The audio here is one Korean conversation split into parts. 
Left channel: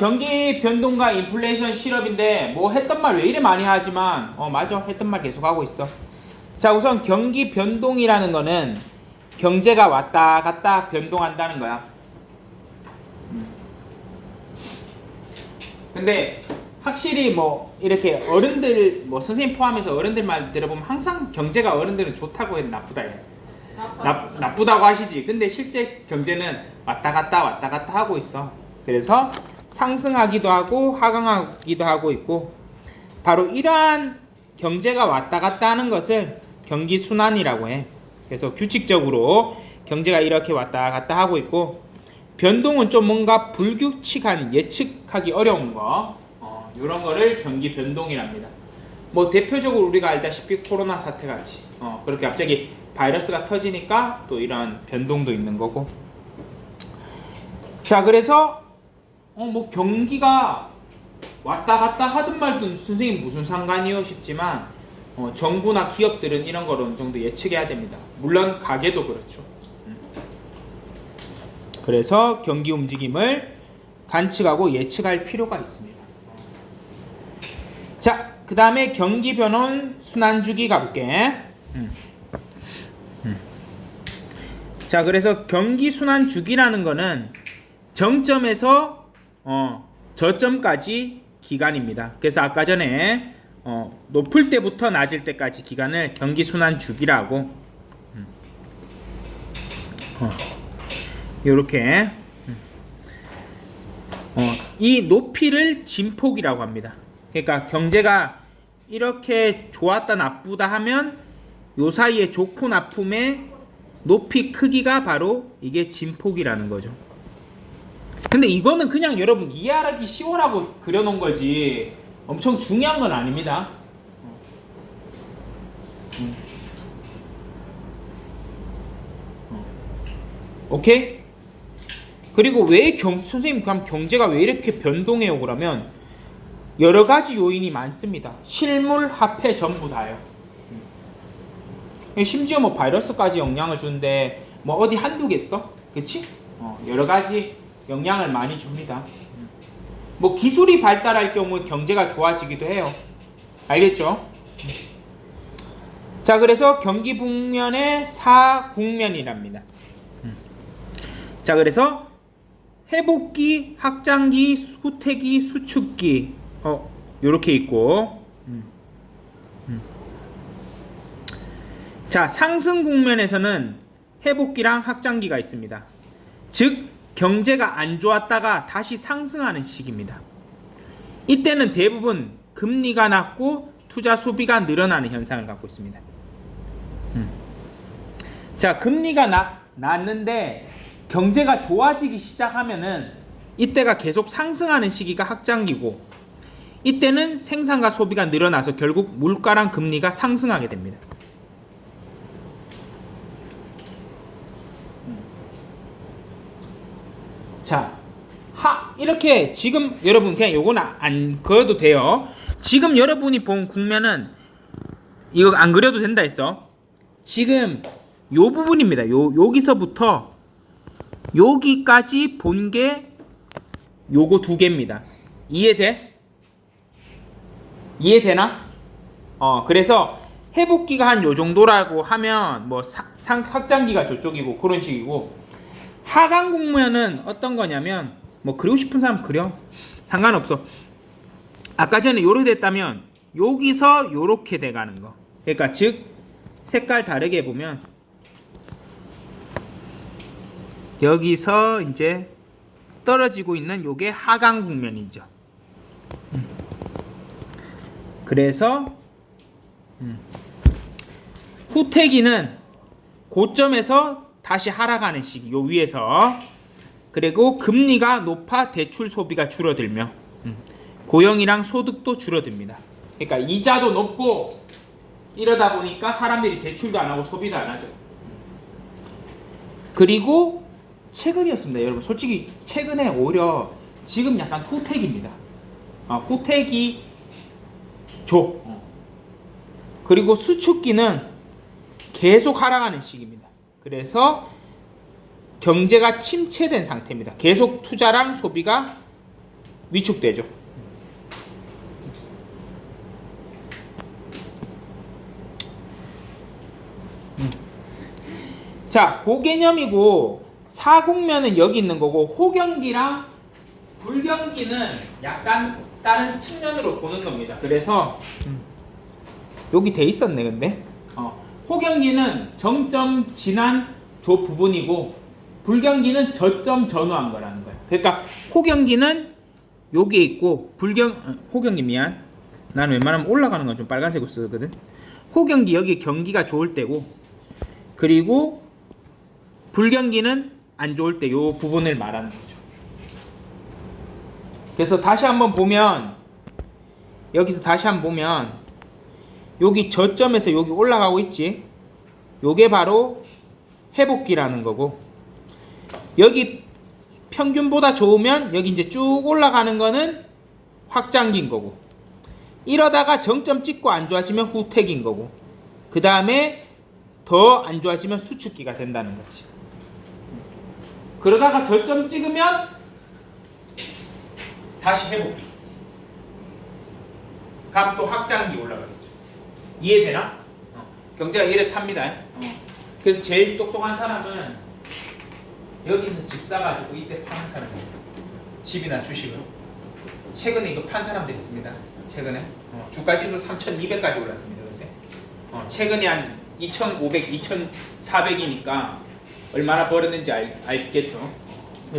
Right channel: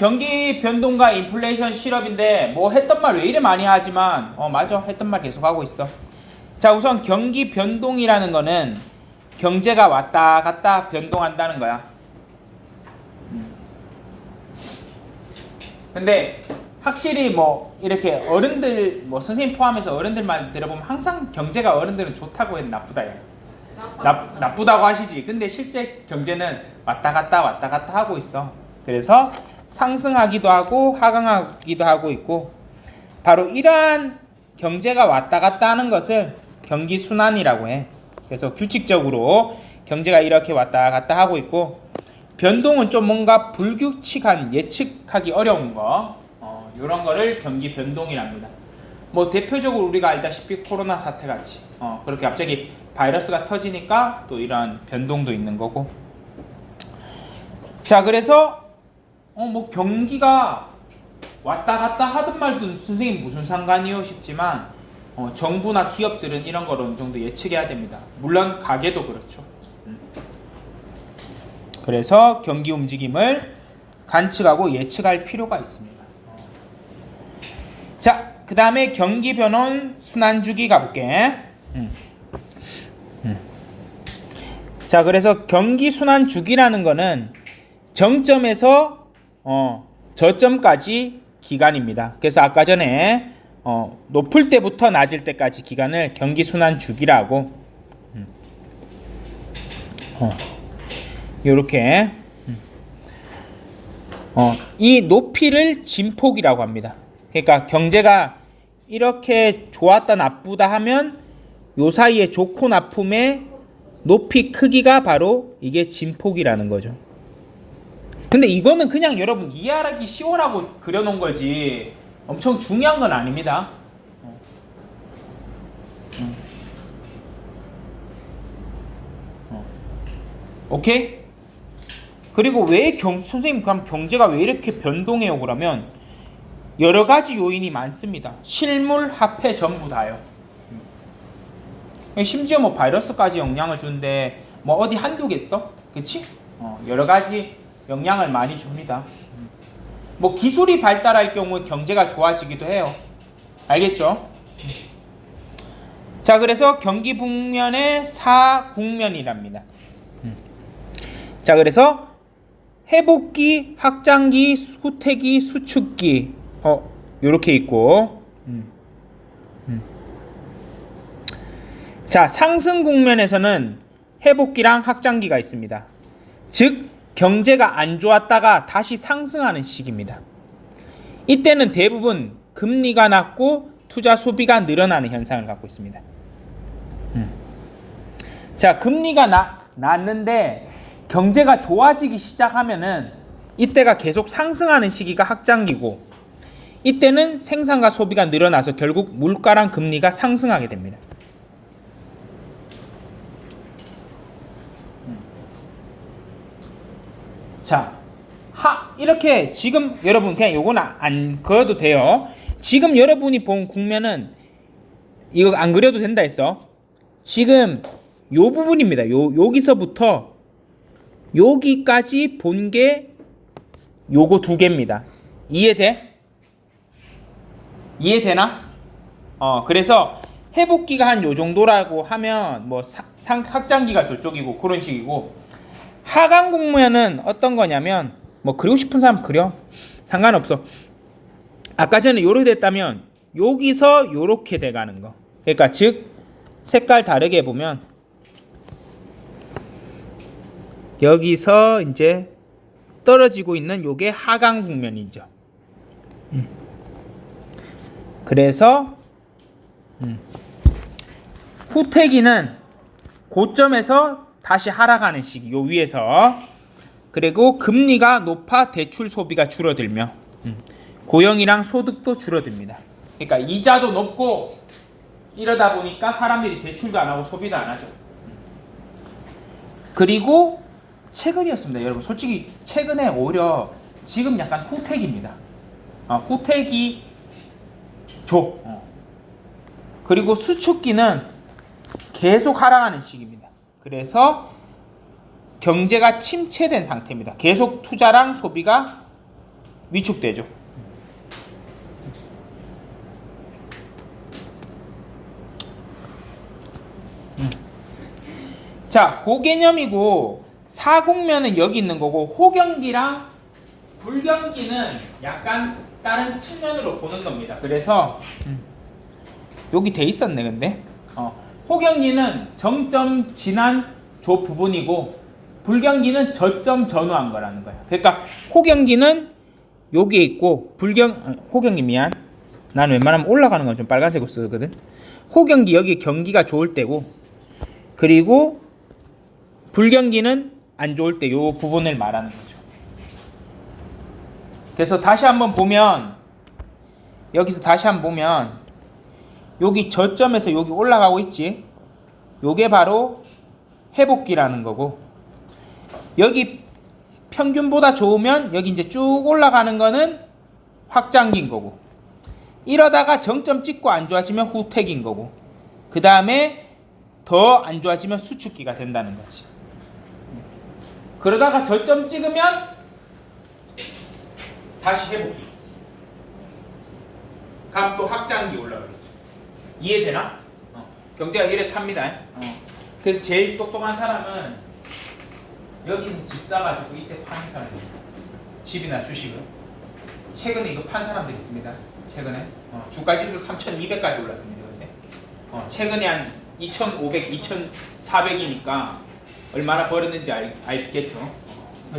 경기 변동과 인플레이션 실업인데 뭐 했던 말 왜 이래 많이 하지만 맞아 했던 말 계속 하고 있어. 자, 우선 경기 변동이라는 거는 경제가 왔다 갔다 변동한다는 거야. 근데 확실히 뭐 이렇게 어른들 뭐 선생님 포함해서 어른들 말 들어보면 항상 경제가 어른들은 좋다고 해도 나쁘다 해. 나쁘다고 하시지. 근데 실제 경제는 왔다 갔다 하고 있어. 그래서 상승하기도 하고 하강하기도 하고 있고, 바로 이러한 경제가 왔다 갔다 하는 것을 경기 순환이라고 해. 그래서 규칙적으로 경제가 이렇게 왔다 갔다 하고 있고, 변동은 좀 뭔가 불규칙한 예측하기 어려운 거, 이런 거를 경기 변동이랍니다. 뭐 대표적으로 우리가 알다시피 코로나 사태 같이 그렇게 갑자기 바이러스가 터지니까 또 이런 변동도 있는 거고. 자, 그래서 뭐 경기가 왔다 갔다 하든 말든 선생님 무슨 상관이요 싶지만 정부나 기업들은 이런 걸 어느 정도 예측해야 됩니다. 물론 가게도 그렇죠. 그래서 경기 움직임을 관측하고 예측할 필요가 있습니다. 자, 그 다음에 경기 변원 순환주기 가볼게. 자, 그래서 경기 순환주기라는 거는 정점에서 저점까지 기간입니다. 그래서 아까 전에 높을 때부터 낮을 때까지 기간을 경기 순환주기라고 요렇게 이 높이를 진폭이라고 합니다. 그러니까 경제가 이렇게 좋았다 나쁘다 하면 요 사이에 좋고 나쁨의 높이 크기가 바로 이게 진폭이라는 거죠. 근데 이거는 그냥 여러분 이해하기 쉬워라고 그려놓은 거지 엄청 중요한 건 아닙니다. 오케이? 그리고 왜 선생님 그럼 경제가 왜 이렇게 변동해요? 그러면 여러 가지 요인이 많습니다. 실물, 화폐 전부 다요. 심지어 뭐 바이러스까지 영향을 주는데 뭐 어디 한두 개 있어? 그치? 여러 가지 영향을 많이 줍니다. 뭐 기술이 발달할 경우 경제가 좋아지기도 해요. 알겠죠? 자, 그래서 경기 국면의 사국면이랍니다. 자, 그래서 회복기, 확장기, 후퇴기, 수축기 요렇게 있고, 자, 상승 국면에서는 회복기랑 확장기가 있습니다. 즉 경제가 안 좋았다가 다시 상승하는 시기입니다. 이때는 대부분 금리가 낮고 투자 소비가 늘어나는 현상을 갖고 있습니다. 자, 금리가 낮는데 경제가 좋아지기 시작하면은 이때가 계속 상승하는 시기가 확장기고, 이때는 생산과 소비가 늘어나서 결국 물가랑 금리가 상승하게 됩니다. 자, 이렇게 지금 여러분 그냥 요거는 안 그려도 돼요. 지금 여러분이 본 국면은 이거 안 그려도 된다 했어. 지금 요 부분입니다. 여기서부터 여기까지 본 게 요거 두 개입니다. 이해돼? 이해되나? 그래서 회복기가 한 요 정도라고 하면 뭐 확장기가 저쪽이고 그런 식이고, 하강 국면은 어떤 거냐면 뭐 그리고 싶은 사람 그려, 상관없어. 아까 전에 요렇게 됐다면 여기서 요렇게 돼가는 거. 그러니까 즉 색깔 다르게 보면 여기서 이제 떨어지고 있는 요게 하강 국면이죠. 그래서 후퇴기는 고점에서 다시 하락하는 시기, 요 위에서. 그리고 금리가 높아 대출 소비가 줄어들며 고용이랑 소득도 줄어듭니다. 그러니까 이자도 높고 이러다 보니까 사람들이 대출도 안 하고 소비도 안 하죠. 그리고 최근이었습니다. 여러분 솔직히 최근에 오히려 지금 약간 후퇴기입니다. 후퇴기 그리고 수축기는 계속 하락하는 시기입니다. 그래서 경제가 침체된 상태입니다. 계속 투자랑 소비가 위축되죠. 자, 고개념이고 사공면은 여기 있는 거고 호경기랑 불경기는 약간 다른 측면으로 보는 겁니다. 그래서 여기 돼 있었네. 근데 호경기는 정점 지난 조 부분이고 불경기는 저점 전후한 거라는 거야. 그러니까 호경기는 여기에 있고 호경기 미안. 난 웬만하면 올라가는 건 좀 빨간색으로 쓰거든. 호경기 여기 경기가 좋을 때고 그리고 불경기는 안 좋을 때 요 부분을 말하는 거죠. 그래서 다시 한번 보면 여기서 다시 한번 보면 여기 저점에서 여기 올라가고 있지. 요게 바로 회복기라는 거고 여기 평균보다 좋으면 여기 이제 쭉 올라가는 거는 확장기인 거고 이러다가 정점 찍고 안 좋아지면 후퇴기인 거고 그 다음에 더 안 좋아지면 수축기가 된다는 거지. 그러다가 저점 찍으면 다시 회복기. 다음 또 확장기 올라가겠죠. 이해되나? 경제가 이래 탑니다. 그래서 제일 똑똑한 사람은 여기서 집 사가지고 이때 파는 사람이에요. 집이나 주식으로. 최근에 이거 판 사람들이 있습니다. 최근에 주가지수 3,200까지 올랐습니다. 근데 최근에 한 2,500, 2,400이니까 얼마나 벌었는지 알겠죠.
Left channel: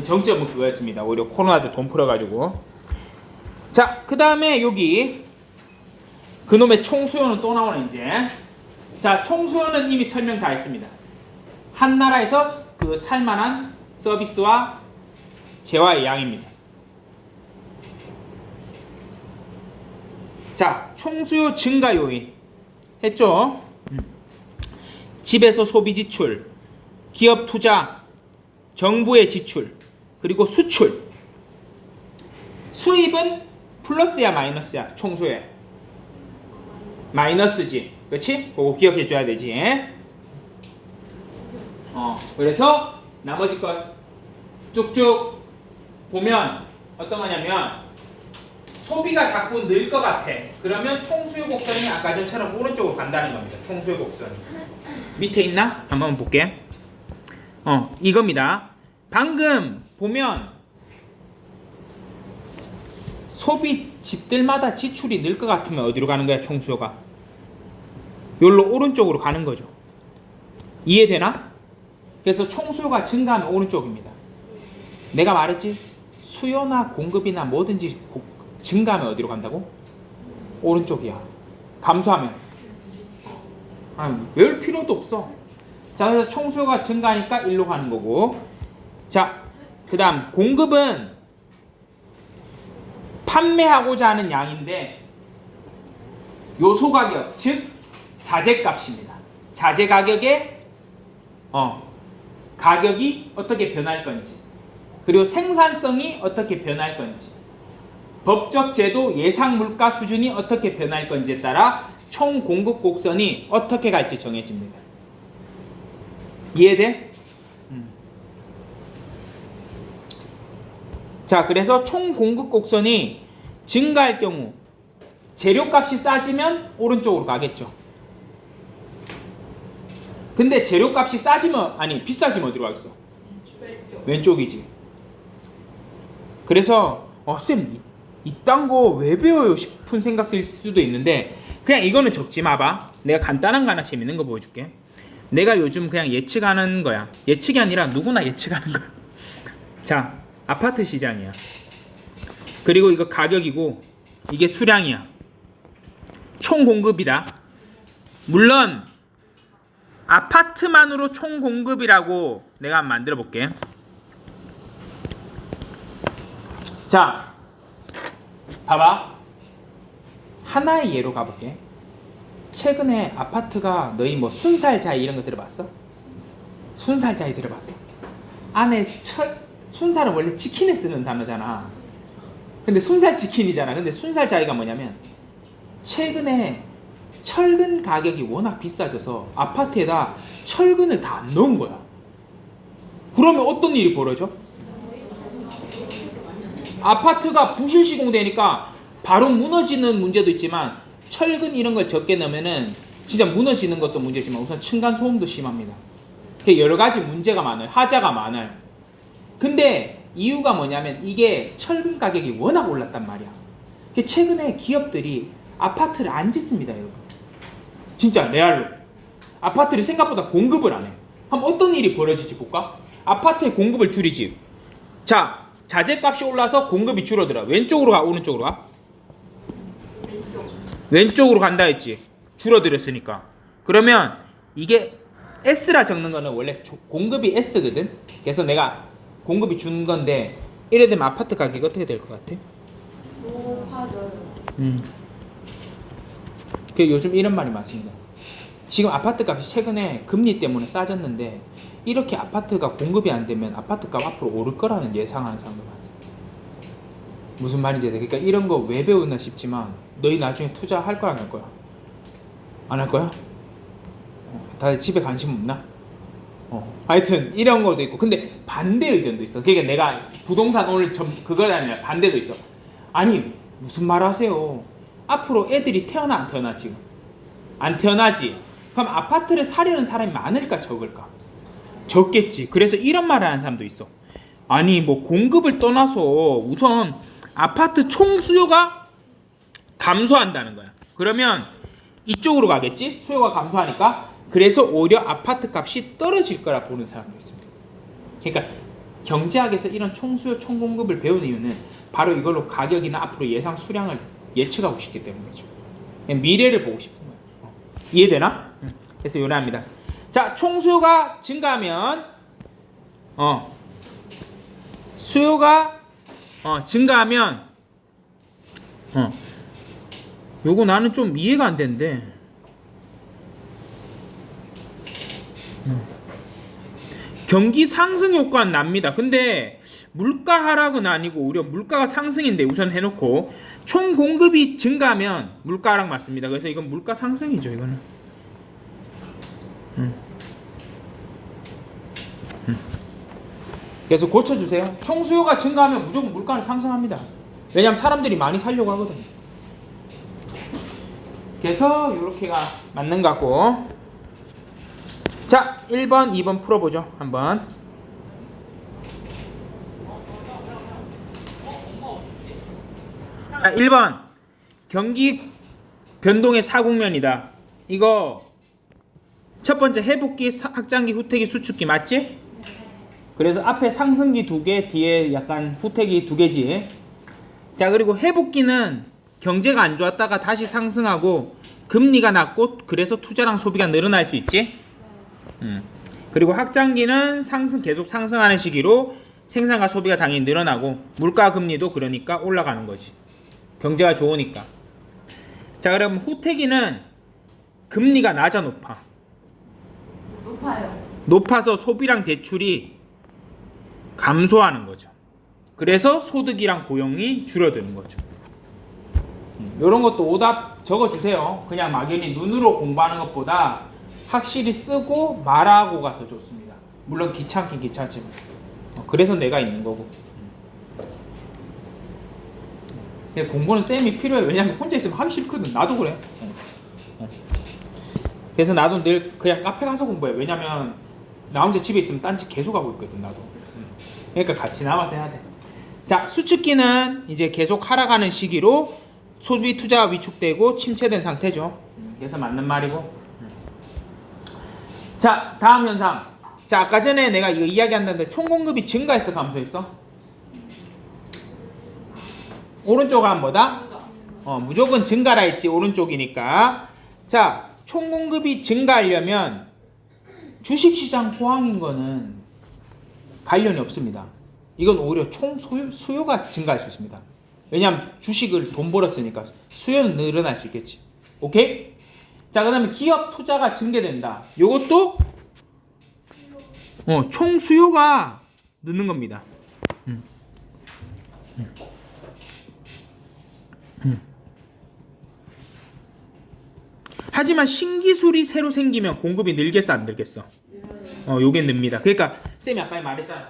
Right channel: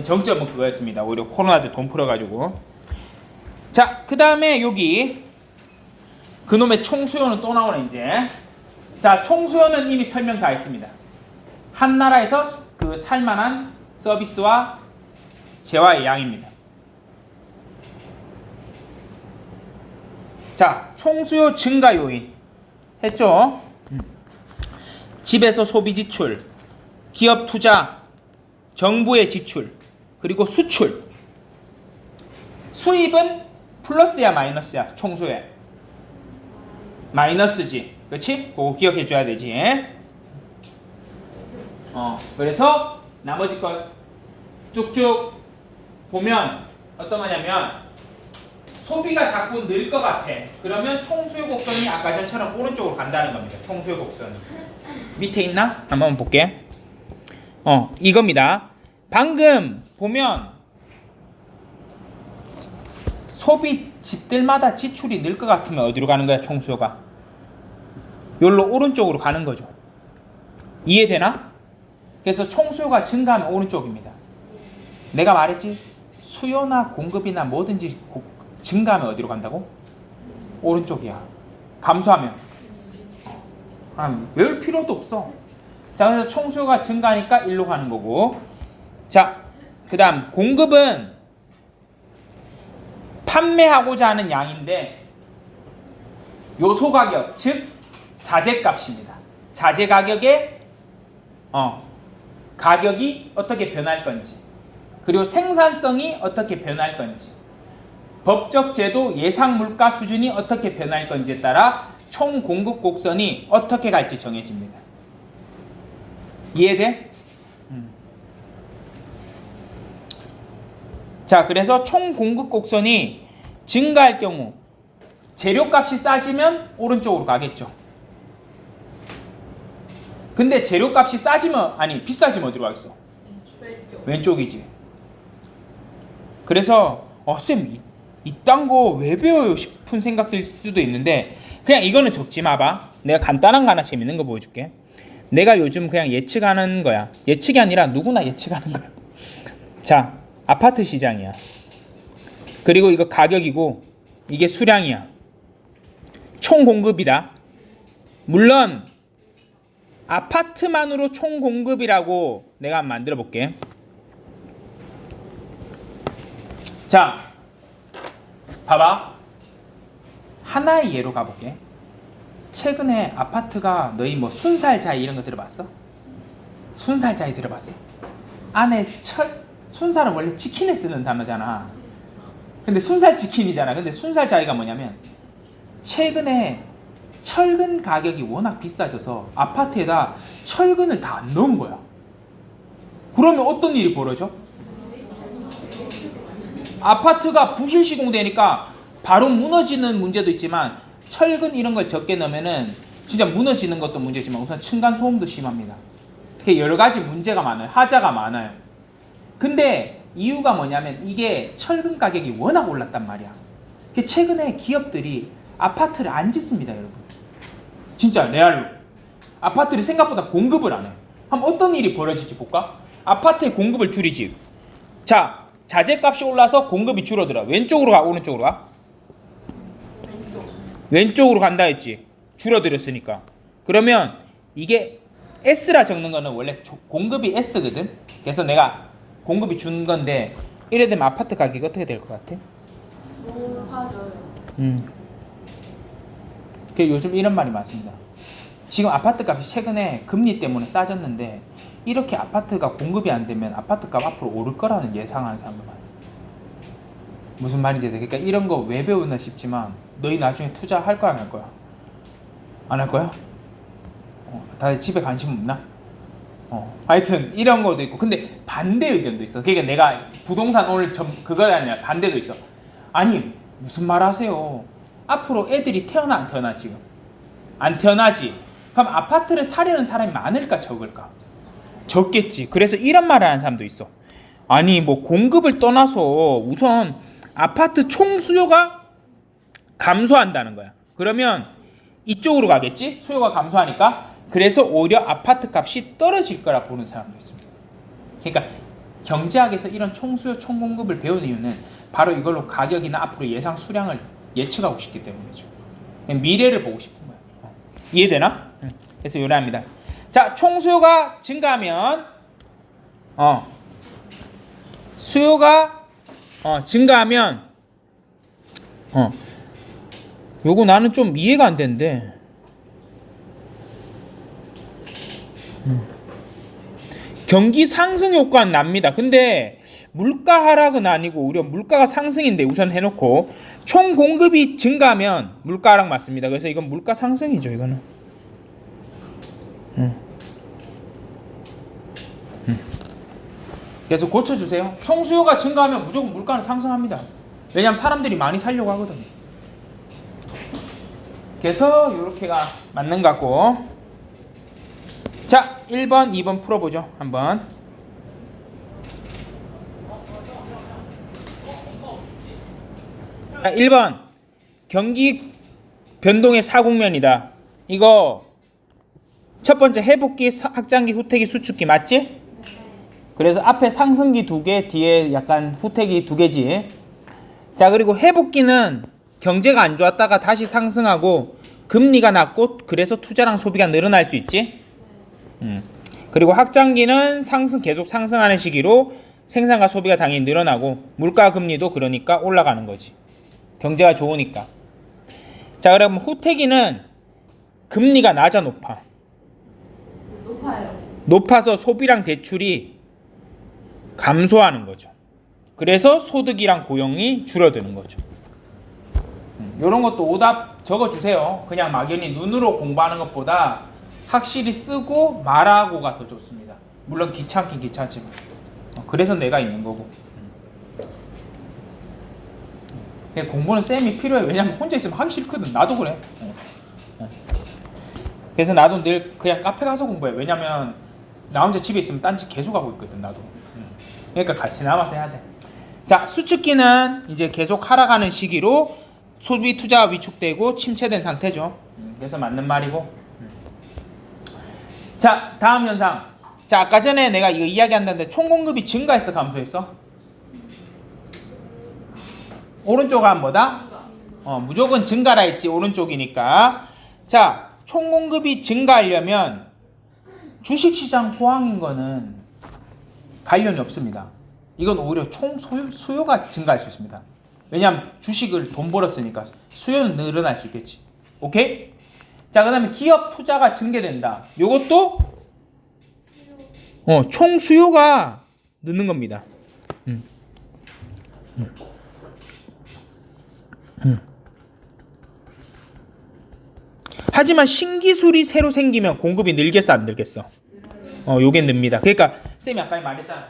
정점은 그거였습니다. 오히려 코로나 때 돈 풀어가지고. 자, 그 다음에 여기 그놈의 총수요는 또 나오네 이제. 자, 총수요는 이미 설명 다 했습니다. 한 나라에서 그 살만한 서비스와 재화의 양입니다. 자, 총수요 증가 요인 했죠? 집에서 소비 지출, 기업 투자, 정부의 지출, 그리고 수출. 수입은 플러스야 마이너스야? 총수에 마이너스지, 그렇지? 그거 기억해 줘야 되지. 그래서 나머지 거 쭉쭉 보면 어떤 거냐면 소비가 자꾸 늘 것 같아. 그러면 총수요 곡선이 아까 전처럼 오른쪽으로 간다는 겁니다. 총수요 곡선이 밑에 있나? 한번 볼게. 이겁니다. 방금 보면 소비 집들마다 지출이 늘 것 같으면 어디로 가는 거야? 총수요가 여기로 오른쪽으로 가는 거죠. 이해되나? 그래서 총수요가 증가하면 오른쪽입니다. 내가 말했지? 수요나 공급이나 뭐든지 증가하면 어디로 간다고? 오른쪽이야. 감소하면 외울 필요도 없어. 자, 그래서 총수요가 증가하니까 일로 가는 거고. 자, 그 다음 공급은 판매하고자 하는 양인데 요소 가격, 즉 자재값입니다. 자재 가격에 가격이 어떻게 변할 건지, 그리고 생산성이 어떻게 변할 건지, 법적 제도 예상 물가 수준이 어떻게 변할 건지에 따라 총 공급 곡선이 어떻게 갈지 정해집니다. 이해돼? 자, 그래서 총 공급 곡선이 증가할 경우 재료값이 싸지면 오른쪽으로 가겠죠. 근데 재료값이 비싸지면 어디로 가겠어? 왼쪽이지. 그래서 쌤 이딴 거 왜 배워요 싶은 생각들 수도 있는데 그냥 이거는 적지 마봐. 내가 간단한 거 하나 재밌는 거 보여줄게. 내가 요즘 그냥 예측하는 거야. 예측이 아니라 누구나 예측하는 거야. 자, 아파트 시장이야. 그리고 이거 가격이고 이게 수량이야. 총 공급이다. 물론 아파트만으로 총 공급이라고 내가 한번 만들어 볼게. 자, 봐봐. 하나의 예로 가볼게. 최근에 아파트가 너희 뭐 순살자이 이런 거 들어봤어? 순살자이 들어봤어? 안에 순살은 원래 치킨에 쓰는 단어잖아. 근데 순살 치킨이잖아. 근데 순살자이가 뭐냐면 최근에 철근 가격이 워낙 비싸져서 아파트에다 철근을 다 안 넣은 거야. 그러면 어떤 일이 벌어져? 아파트가 부실 시공되니까 바로 무너지는 문제도 있지만 철근 이런 걸 적게 넣으면은 진짜 무너지는 것도 문제지만 우선 층간 소음도 심합니다. 여러 가지 문제가 많아요. 하자가 많아요. 근데 이유가 뭐냐면 이게 철근 가격이 워낙 올랐단 말이야. 최근에 기업들이 아파트를 안 짓습니다, 여러분. 진짜 레알로. 아파트를 생각보다 공급을 안 해. 그럼 어떤 일이 벌어질지 볼까? 아파트의 공급을 줄이지. 자, 자재값이 올라서 공급이 줄어들어. 왼쪽으로 가, 오른쪽으로 가? 왼쪽으로 간다 했지. 줄어들었으니까. 그러면 이게 S라 적는 거는 원래 공급이 S거든. 그래서 내가 공급이 준 건데 이래 되면 아파트 가격이 어떻게 될 것 같아? 높아져요. 그 요즘 이런 말이 많습니다. 지금 아파트 값이 최근에 금리 때문에 싸졌는데 이렇게 아파트가 공급이 안 되면 아파트 값 앞으로 오를 거라는 예상하는 사람도 많아요. 무슨 말인지 그러니까 이런 거 왜 배우나 싶지만 너희 나중에 투자할 거야 안 할 거야? 안 할 거야? 다들 집에 관심 없나? 하여튼 이런 것도 있고 근데 반대 의견도 있어. 그러니까 내가 부동산 오늘 그걸 아니라 반대도 있어. 아니 무슨 말 하세요? 앞으로 애들이 태어나 안 태어나 지금? 안 태어나지. 그럼 아파트를 사려는 사람이 많을까 적을까? 적겠지. 그래서 이런 말을 하는 사람도 있어. 아니 뭐 공급을 떠나서 우선 아파트 총 수요가 감소한다는 거야. 그러면 이쪽으로 가겠지? 수요가 감소하니까. 그래서 오히려 아파트 값이 떨어질 거라 보는 사람도 있습니다. 그러니까 경제학에서 이런 총수요 총공급을 배우는 이유는 바로 이걸로 가격이나 앞으로 예상 수량을 예측하고 싶기 때문이죠. 미래를 보고 싶은 거예요. 이해되나? 그래서 요래합니다. 자, 총수요가 증가하면 수요가 증가하면 요거 나는 좀 이해가 안 되는데 경기 상승 효과는 납니다. 근데 물가 하락은 아니고 오히려 물가가 상승인데 우선 해놓고 총 공급이 증가하면 물가 하락 맞습니다. 그래서 이건 물가 상승이죠. 이거는 그래서 고쳐주세요. 총 수요가 증가하면 무조건 물가는 상승합니다. 왜냐하면 사람들이 많이 살려고 하거든요. 그래서 이렇게가 맞는 것 같고 자 1번 2번 풀어보죠. 한번 1번 경기 변동의 사국면이다. 이거 첫 번째 회복기, 확장기, 후퇴기, 수축기 맞지? 그래서 앞에 상승기 2개, 뒤에 약간 후퇴기 2개지. 자 그리고 회복기는 경제가 안 좋았다가 다시 상승하고 금리가 낮고 그래서 투자랑 소비가 늘어날 수 있지. 그리고 확장기는 계속 상승하는 시기로 생산과 소비가 당연히 늘어나고 물가 금리도 그러니까 올라가는 거지. 경제가 좋으니까. 자 그럼 후퇴기는 금리가 낮아 높아? 높아요. 높아서 소비랑 대출이 감소하는 거죠. 그래서 소득이랑 고용이 줄어드는 거죠. 이런 것도 오답 적어주세요. 그냥 막연히 눈으로 공부하는 것보다 확실히 쓰고 말하고가 더 좋습니다. 물론 귀찮긴 귀찮지만 그래서 내가 있는 거고. 공부는 쌤이 필요해. 왜냐면 혼자 있으면 하기 싫거든. 나도 그래. 그래서 나도 늘 그냥 카페 가서 공부해. 왜냐면 나 혼자 집에 있으면 딴짓 계속 하고 있거든. 나도. 그러니까 같이 남아서 해야 돼. 자 수축기는 이제 계속 하락하는 시기로 소비 투자가 위축되고 침체된 상태죠. 그래서 맞는 말이고. 자 다음 현상. 자 아까 전에 내가 이거 이야기한다는데 총공급이 증가했어 감소했어? 오른쪽은 뭐다? 무조건 증가라 했지. 오른쪽이니까. 자 총공급이 증가하려면 주식시장 호황인 거는 관련이 없습니다. 이건 오히려 총 수요가 증가할 수 있습니다. 왜냐하면 주식을 돈 벌었으니까 수요는 늘어날 수 있겠지. 오케이? 자 그 다음에 기업 투자가 증대된다. 요것도 총 수요가 느는 겁니다. 하지만 신기술이 새로 생기면 공급이 늘겠어 안 늘겠어? 요게 늡니다. 그러니까 쌤이 아까 말했잖아.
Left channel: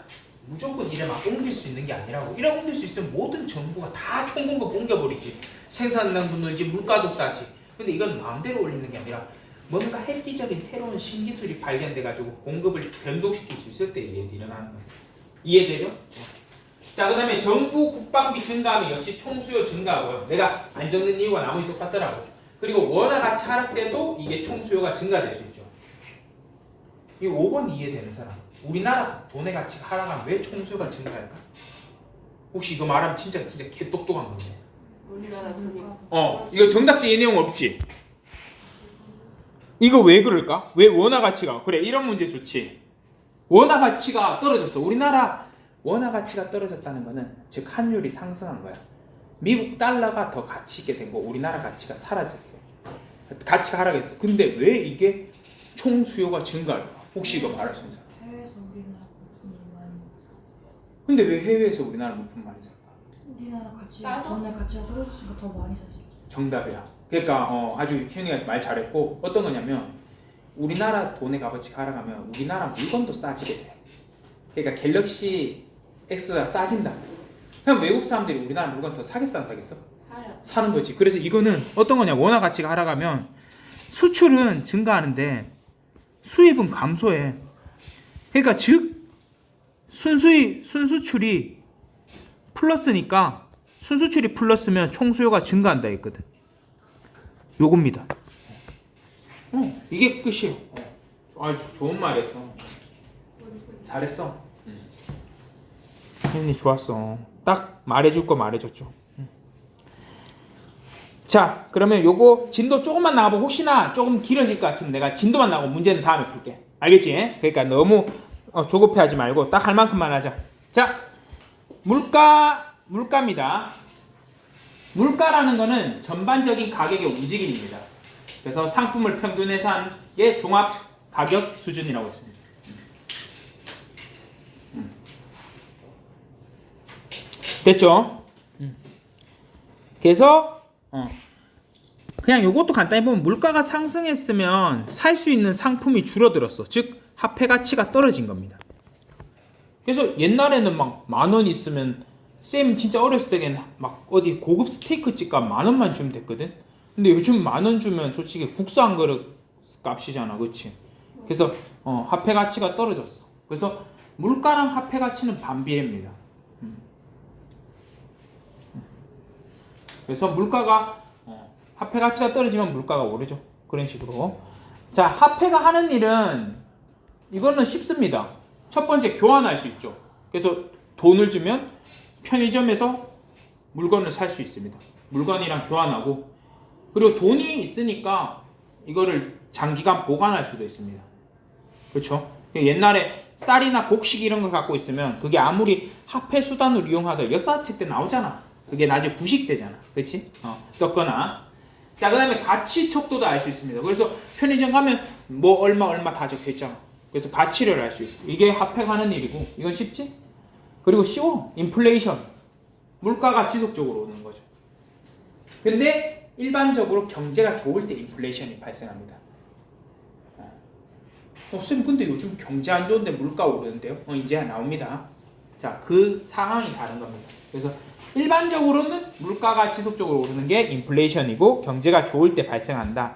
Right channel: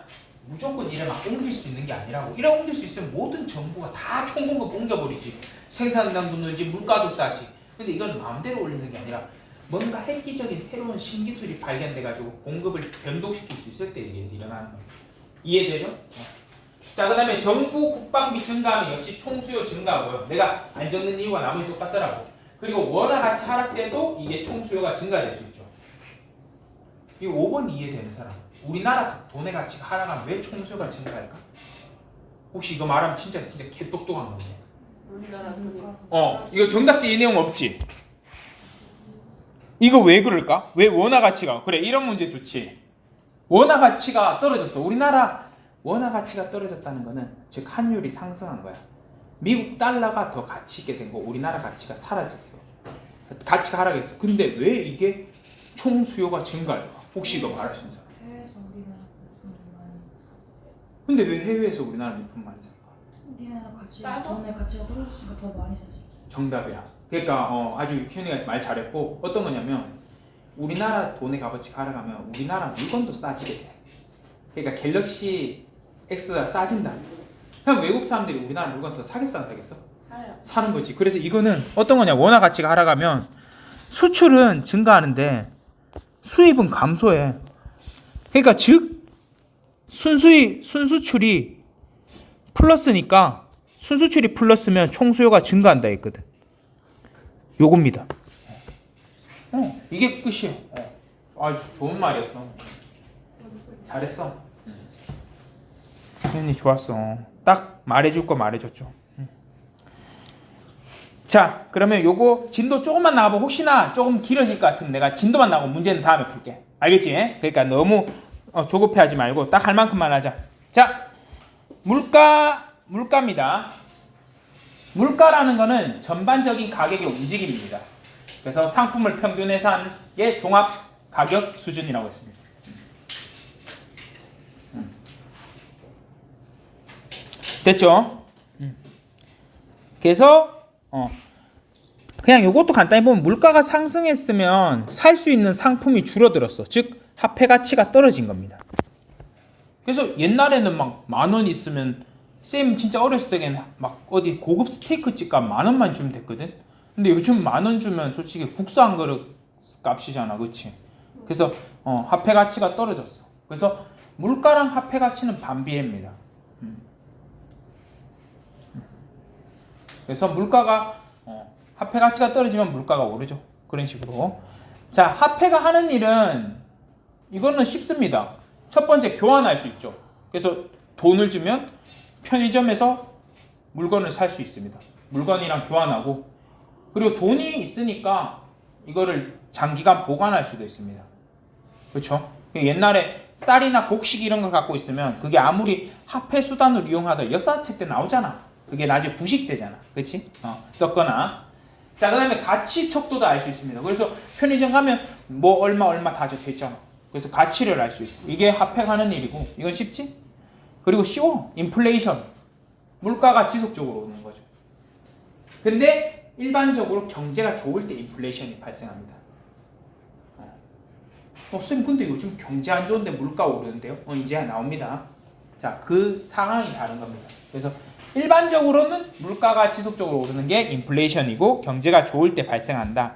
무조건 이래 막 옮길 수 있는 게 아니라고. 이래 옮길 수 있으면 모든 정보가 다 총공급 옮겨버리지. 생산량도 늘지 물가도 싸지. 근데 이건 마음대로 올리는 게 아니라 뭔가 획기적인 새로운 신기술이 발견돼가지고 공급을 변동시킬 수 있을 때 일어나는 거예요. 이해되죠? 자, 그 다음에 정부 국방비 증가하면 역시 총수요 증가하고요. 내가 안 적는 이유가 나머지 똑같더라고. 그리고 원화 가치 하락 때도 이게 총수요가 증가될 수 있죠. 이 5번 이해되는 사람. 우리나라 돈의 가치가 하락하면 왜 총수요가 증가할까? 혹시 이거 말하면 진짜 개똑똑한 건데. 우리나라 돈이. 이거 정답지 이 내용 없지? 이거 왜 그럴까? 왜 원화 가치가? 그래, 이런 문제 좋지. 원화 가치가 떨어졌어. 우리나라 원화 가치가 떨어졌다는 거는 즉 환율이 상승한 거야. 미국 달러가 더 가치 있게 된 거, 우리나라 가치가 사라졌어. 가치가 하락했어. 근데 왜 이게 총수요가 증가할까? 혹시 이거 말할 수 있는 사람? 해외에서 우리나라 물품이 많이 근데 왜 해외에서 우리나라 물품 많이 살까? 우리나라 가치가 싸서? 돈의 가치가 떨어졌으니까 더 많이 살 수 있죠. 정답이다. 그러니까 아주 현이가 말 잘했고, 어떤 거냐면 우리나라 돈의 값어치가 하락하면 우리나라 물건도 싸지게 돼. 그러니까 갤럭시 X가 싸진다. 그럼 외국 사람들이 우리나라 물건 더 사겠어 안 사겠어? 사요. 사는 거지. 그래서 이거는 어떤 거냐? 원화 가치가 하락하면 수출은 증가하는데 수입은 감소해. 그러니까 즉 순수출이 플러스니까 순수출이 플러스면 총수요가 증가한다 했거든. 요겁니다. 이게 끝이에요. 좋은 말이었어. 잘했어. 형님 좋았어. 딱 말해줄 거 말해줬죠. 자, 그러면 요거 진도 조금만 나가보. 혹시나 조금 길어질 것 같으면 내가 진도만 나가고 문제는 다음에 풀게. 알겠지? 그러니까 너무 조급해하지 말고 딱 할 만큼만 하자. 자, 물가입니다. 물가라는 거는 전반적인 가격의 움직임입니다. 그래서 상품을 평균해서 한 게 종합 가격 수준이라고 했습니다. 됐죠? 그래서 그냥 요것도 간단히 보면 물가가 상승했으면 살 수 있는 상품이 줄어들었어. 즉 화폐 가치가 떨어진 겁니다. 그래서 옛날에는 막 10,000원 있으면 쌤 진짜 어렸을 때는 막 어디 고급 스테이크 집값 10,000원만 주면 됐거든. 근데 요즘 10,000원 주면 솔직히 국수 한 그릇 값이잖아, 그렇지? 그래서 화폐 가치가 떨어졌어. 그래서 물가랑 화폐 가치는 반비례입니다. 그래서 물가가 화폐 가치가 떨어지면 물가가 오르죠. 그런 식으로. 자, 화폐가 하는 일은 이거는 쉽습니다. 첫 번째 교환할 수 있죠. 그래서 돈을 주면 편의점에서 물건을 살 수 있습니다. 물건이랑 교환하고, 그리고 돈이 있으니까 이거를 장기간 보관할 수도 있습니다. 그렇죠? 옛날에 쌀이나 곡식 이런 걸 갖고 있으면 그게 아무리 화폐 수단을 이용하더라도 역사책 때 나오잖아. 그게 나중에 부식되잖아. 그렇지? 썼거나. 자, 그 다음에 가치 척도도 알 수 있습니다. 그래서 편의점 가면 뭐 얼마 다 적혀있잖아. 그래서 가치를 알 수 있고, 이게 화폐가 하는 일이고, 이건 쉽지? 그리고 쉬워. 인플레이션. 물가가 지속적으로 오는 거죠. 근데 일반적으로 경제가 좋을 때 인플레이션이 발생합니다. 쌤 근데 요즘 경제 안 좋은데 물가 오르는데요? 이제 나옵니다. 자, 그 상황이 다른 겁니다. 그래서 일반적으로는 물가가 지속적으로 오르는 게 인플레이션이고 경제가 좋을 때 발생한다.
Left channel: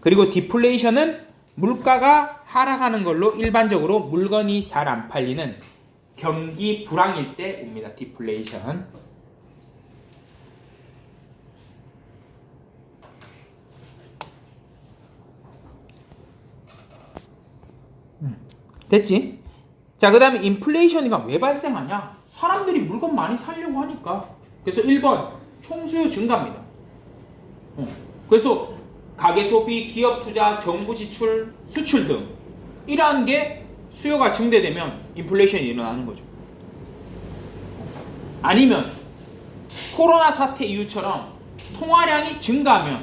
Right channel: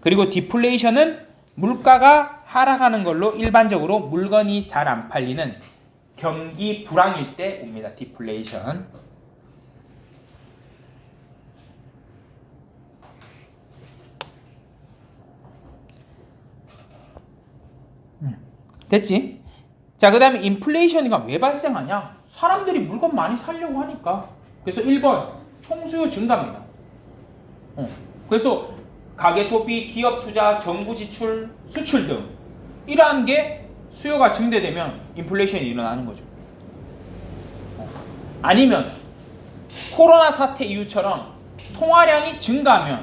그리고 디플레이션은 물가가 하락하는 걸로 일반적으로 물건이 잘 안 팔리는 경기 불황일 때 옵니다. 디플레이션. 됐지? 자, 그 다음에 인플레이션이 왜 발생하냐? 사람들이 물건 많이 사려고 하니까. 그래서 1번 총수요 증가입니다. 그래서 가계 소비, 기업 투자, 정부 지출, 수출 등 이러한 게 수요가 증대되면 인플레이션이 일어나는 거죠. 아니면 코로나 사태 이후처럼 통화량이 증가하면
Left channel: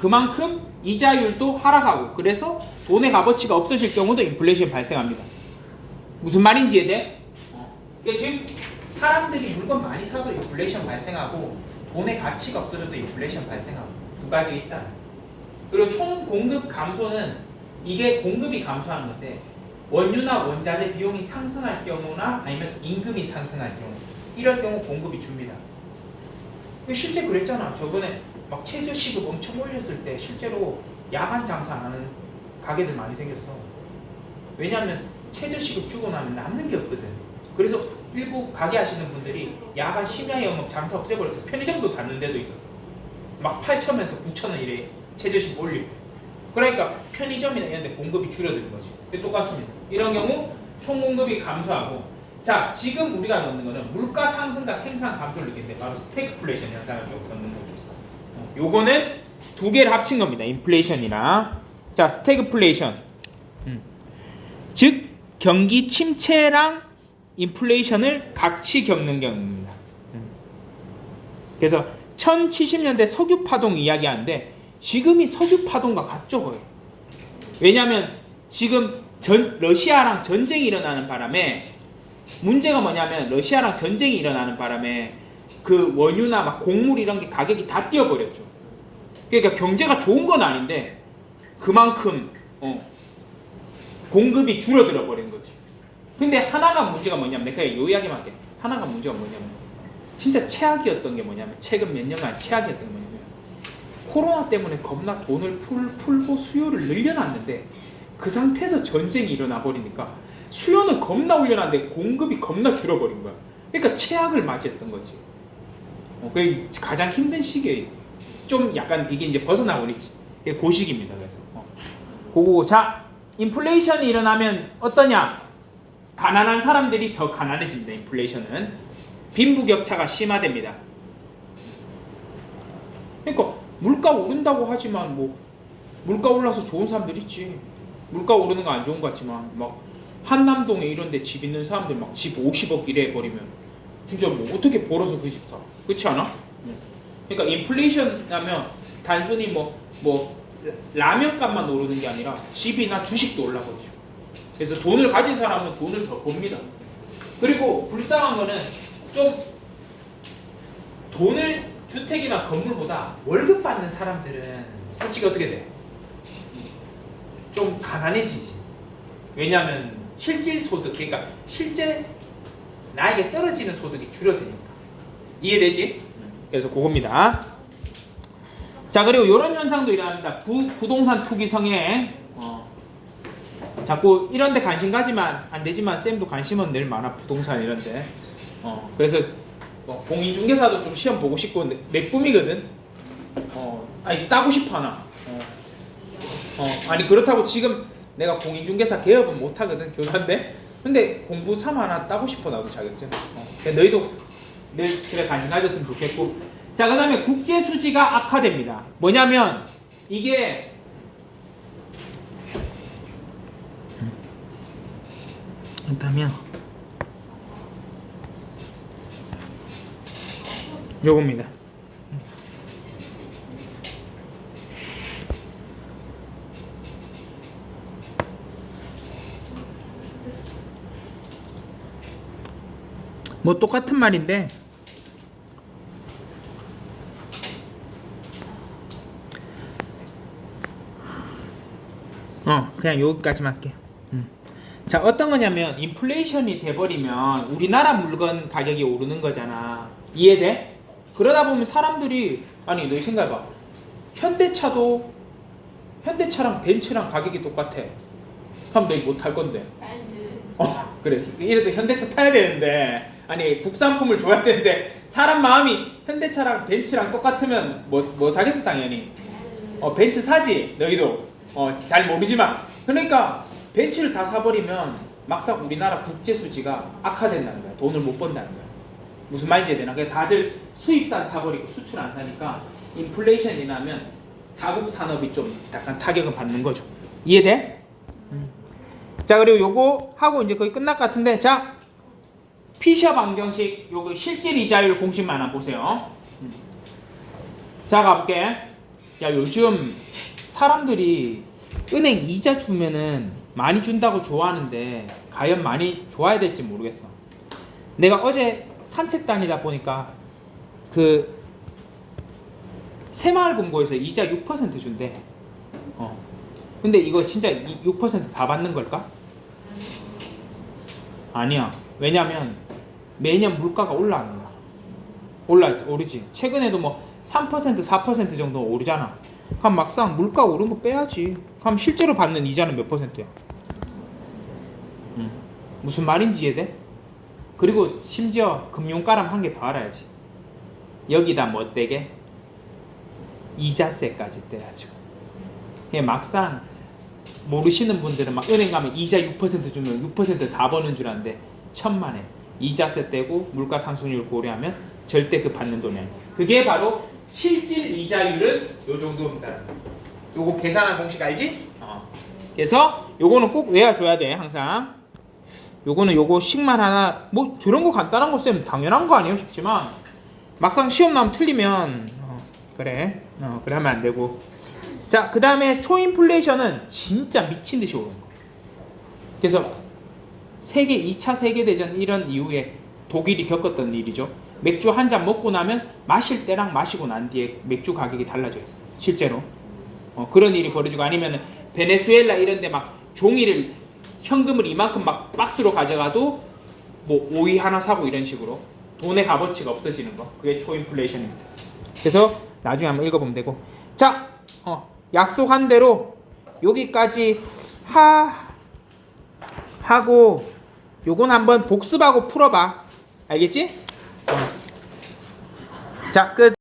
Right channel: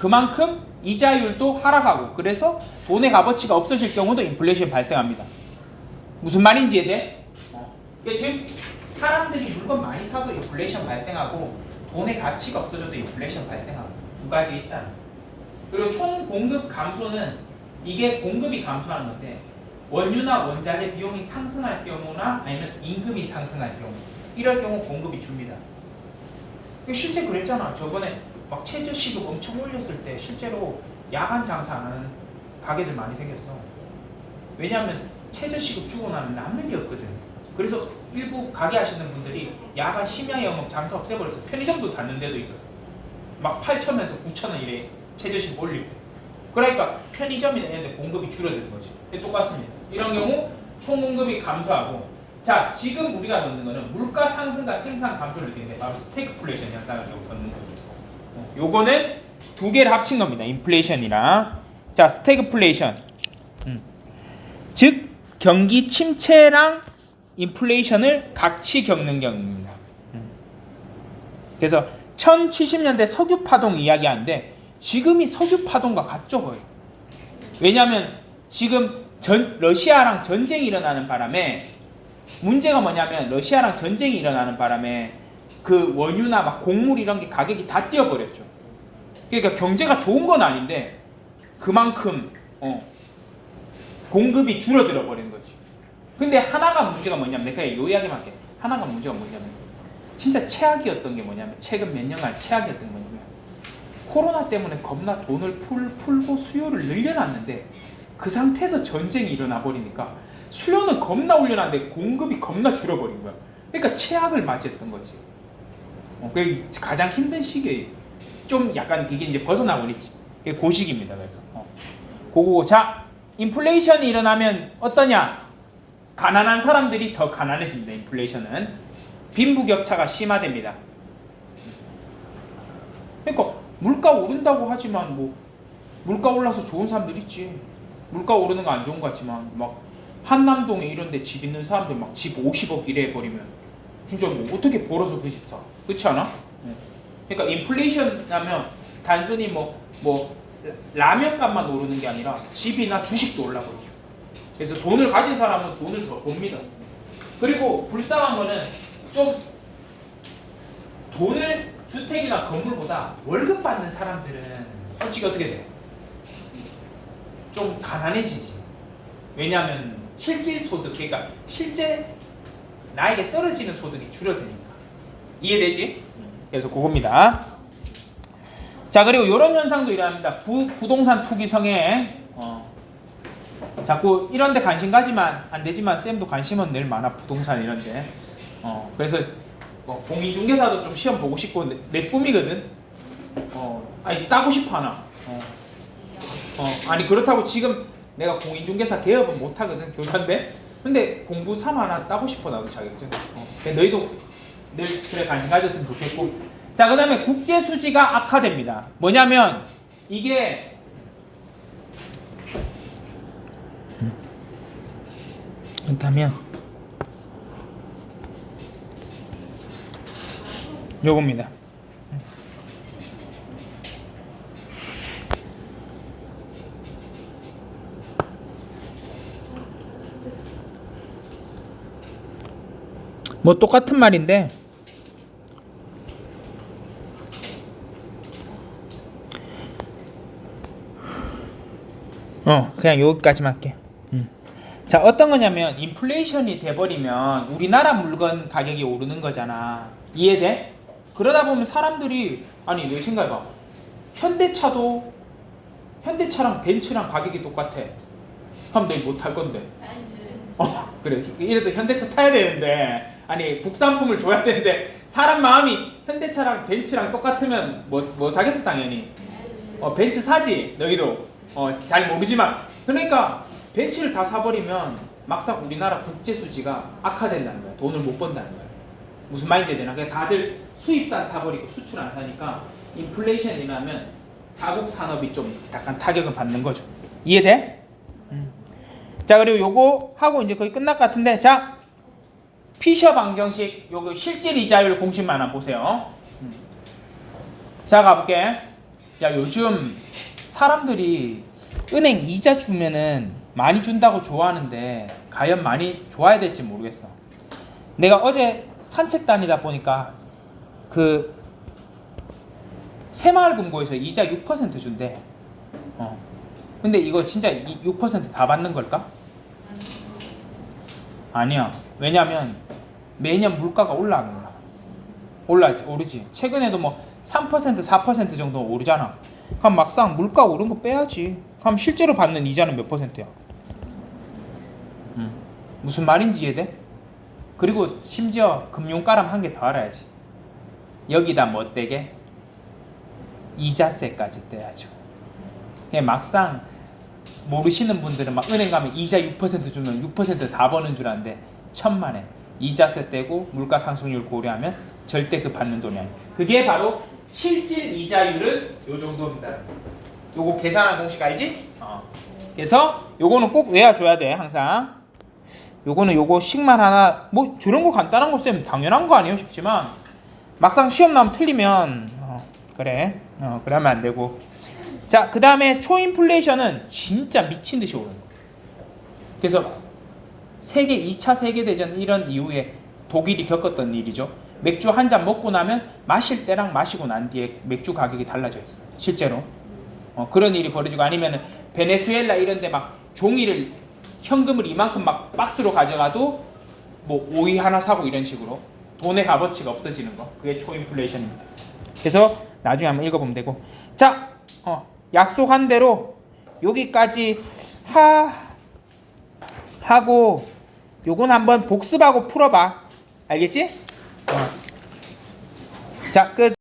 그만큼 이자율도 하락하고, 그래서 돈의 값어치가 없어질 경우도 인플레이션이 발생합니다. 무슨 말인지 이해돼? 즉 사람들이 물건 많이 사도 인플레이션 발생하고 돈의 가치가 없어져도 인플레이션 발생하고, 두 가지 있다. 그리고 총 공급 감소는 이게 공급이 감소하는 건데 원유나 원자재 비용이 상승할 경우나 아니면 임금이 상승할 경우 이럴 경우 공급이 줍니다. 실제 그랬잖아. 저번에 막 최저시급 엄청 올렸을 때 실제로 야간 장사 안 하는 가게들 많이 생겼어. 왜냐하면 최저시급 주고 나면 남는 게 없거든. 그래서 일부 가게 하시는 분들이 야간 심야 영업 장사 없애버려서 편의점도 닫는 데도 있었어. 막 8,000원에서 9,000원 이래 최저시급 올리고. 그러니까 편의점이나 이런 데 공급이 줄어드는 거지. 똑같습니다. 이런 경우 총 공급이 감소하고, 자 지금 우리가 넣는 거는 물가 상승과 생산 감소를 느끼는데 바로 스태그플레이션 현상을 넣는 거죠. 요거는 두 개를 합친 겁니다. 인플레이션이랑 자 스태그플레이션. 즉 경기 침체랑 인플레이션을 같이 겪는 경우입니다. 그래서 1070년대 석유 파동 이야기하는데 지금이 석유 파동과 같죠 거의. 왜냐하면 지금 러시아랑 전쟁이 일어나는 바람에 문제가 뭐냐면 러시아랑 전쟁이 일어나는 바람에 그 원유나 막 곡물 이런 게 가격이 다 뛰어버렸죠. 그러니까 경제가 좋은 건 아닌데 그만큼 공급이 줄어들어 버린 거지. 근데 하나가 문제가 뭐냐면 내가 요 이야기만 할게. 하나가 문제가 뭐냐면 진짜 최악이었던 게 뭐냐면 최근 몇 년간 최악이었던 게 뭐냐면 코로나 때문에 겁나 돈을 풀고 수요를 늘려놨는데 그 상태에서 전쟁이 일어나 버리니까 수요는 겁나 올려놨는데 공급이 겁나 줄어버린 거야. 그러니까 최악을 맞이했던 거지. 그게 가장 힘든 시기에 좀 약간 이게 이제 벗어나고 있지. 그게 그 시기입니다. 그래서 그거 자 인플레이션이 일어나면 어떠냐? 가난한 사람들이 더 가난해집니다. 인플레이션은 빈부격차가 심화됩니다. 그러니까 물가 오른다고 하지만 뭐 물가 올라서 좋은 사람들 있지. 물가 오르는 거 안 좋은 것 같지만 막 한남동에 이런 데 집 있는 사람들 막 집 50억 이래 버리면 진짜 뭐 어떻게 벌어서 그 집 사? 그렇지 않아? 그러니까 인플레이션 하면 단순히 뭐 라면값만 오르는 게 아니라 집이나 주식도 올라버리죠. 그래서 돈을 가진 사람은 돈을 더 봅니다. 그리고 불쌍한 거는 좀 돈을 주택이나 건물보다 월급 받는 사람들은 솔직히 어떻게 돼? 좀 가난해지지. 왜냐하면 실질 소득, 그러니까 실제 나에게 떨어지는 소득이 줄어드니까. 이해되지? 그래서 그겁니다. 자 그리고 이런 현상도 일어납니다. 부동산 투기 성행. 자꾸 이런데 관심 가지면 안 되지만 쌤도 관심은 늘 많아. 부동산 이런데. 그래서 공인중개사도 좀 시험 보고 싶고 내 꿈이거든. 아니 따고 싶어 하나. 아니 그렇다고 지금 내가 공인중개사 개업은 못 하거든. 교사인데. 근데 공부 3 하나 따고 싶어 나도 자격증. 너희도 늘 그래 관심 가졌으면 좋겠고. 자 그 다음에 국제수지가 악화됩니다. 뭐냐면 이게 그렇다면 요겁니다. 뭐 똑같은 말인데 그냥 여기까지만 할게. 자 어떤 거냐면 인플레이션이 돼버리면 우리나라 물건 가격이 오르는 거잖아. 이해돼? 그러다 보면 사람들이 아니 내 생각해봐. 현대차랑 벤츠랑 가격이 똑같아. 그럼 너 못 탈 건데. 그래 이래도 현대차 타야 되는데 아니 국산품을 줘야 되는데 사람 마음이 현대차랑 벤츠랑 똑같으면 뭐 사겠어 당연히. 벤츠 사지 너희도. 잘 모르지만 그러니까 벤츠를 다 사버리면 막상 우리나라 국제수지가 악화된다는 거야. 돈을 못 번다는 거야. 무슨 말인지 이해되나? 그러니까 다들 수입산 사버리고 수출 안 사니까 인플레이션이 나면 자국 산업이 좀 약간 타격을 받는 거죠. 이해돼? 자 그리고 요거 하고 이제 거의 끝날 것 같은데 자 피셔 방정식 요거 실질 이자율 공식만 한번 보세요. 자 가볼게. 야 요즘 사람들이 은행 이자 주면은 많이 준다고 좋아하는데 과연 많이 좋아야 될지 모르겠어. 내가 어제 산책 다니다 보니까 그 새마을금고에서 이자 6% 준대. 근데 이거 진짜 6% 다 받는 걸까? 아니야. 왜냐면 매년 물가가 올라가는 거야. 오르지. 최근에도 뭐 3%, 4% 정도 오르잖아. 그럼 막상 물가 오른 거 빼야지. 그럼 실제로 받는 이자는 몇 %야? 무슨 말인지 이해돼? 그리고 심지어 금융가람 한 개 더 알아야지. 여기다 뭐 떼게? 이자세까지 떼야죠. 그냥 막상 모르시는 분들은 막 은행 가면 이자 6% 주면 6%다 버는 줄 아는데 천만에 이자세 떼고 물가 상승률 고려하면 절대 그 받는 돈이 아니에요. 그게 바로 실질 이자율은 요 정도입니다. 요거 계산한 공식 알지? 그래서 요거는 꼭 외워줘야 돼 항상. 요거는 요거식만 하나 뭐 저런 거 간단한 거 쓰면 당연한 거 아니에요 싶지만 막상 시험 나오면 틀리면 그래 그러면 안 되고. 자, 그 다음에 초인플레이션은 진짜 미친 듯이 오르는 거예요. 그래서 2차 세계대전 이런 이후에 독일이 겪었던 일이죠. 맥주 한 잔 먹고 나면 마실 때랑 마시고 난 뒤에 맥주 가격이 달라져 있어요. 실제로 그런 일이 벌어지고, 아니면 베네수엘라 이런 데 막 종이를 현금을 이만큼 막 박스로 가져가도 뭐 오이 하나 사고 이런 식으로 돈의 값어치가 없어지는 거, 그게 초인플레이션입니다. 그래서 나중에 한번 읽어보면 되고. 자, 약속한 대로 여기까지 하고 요건 한번 복습하고 풀어봐. 알겠지? 자, 끝.